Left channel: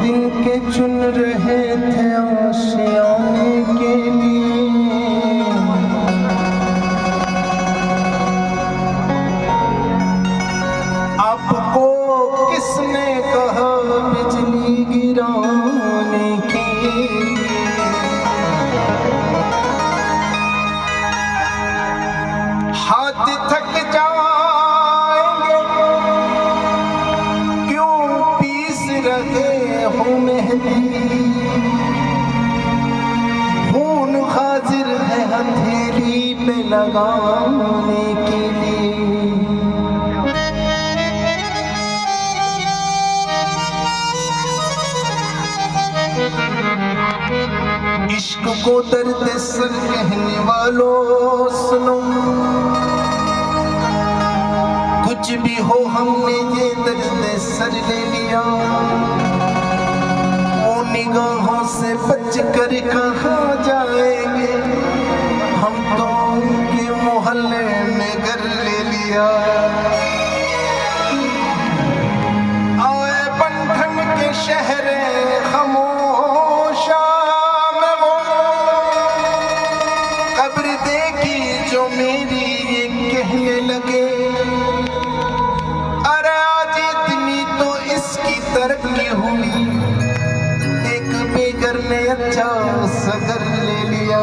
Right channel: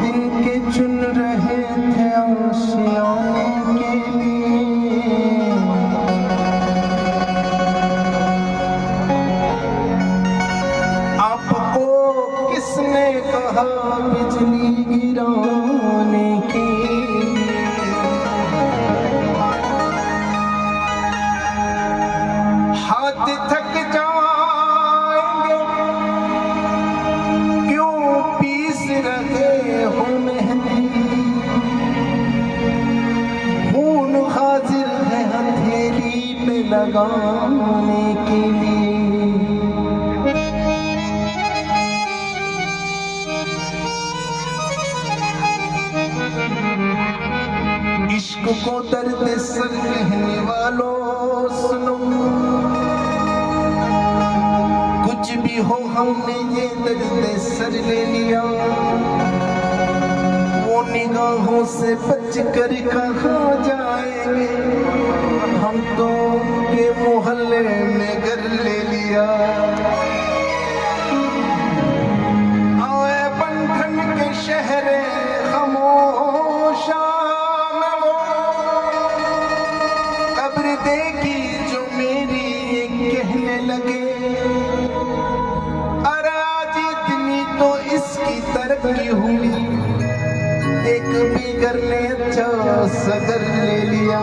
दिन के चुन रहे थे आशियाने के लिए, आपको किसने कहा बिजली गिराने की। हाथ थक जाएंगे क्यों पीस रहे हो मेहंदी, खून हाजिर है हथेली पे लगाने के लिए। इश्क को दर्द सर कहने वालों सुनो, कुछ भी हो हमने ये दर्द सर ले लिया। वो निगाहों से बच कर कहाँ जाएंगे, हम तो उनके मोहल्ले में घर ले लिया। आए बंधन के शहरे खामोशा में वो कब्र देखी जो मेरी ये कहने लगे, तरक्की हुई एक बेघर ने अच्छा सा घर ले लिया।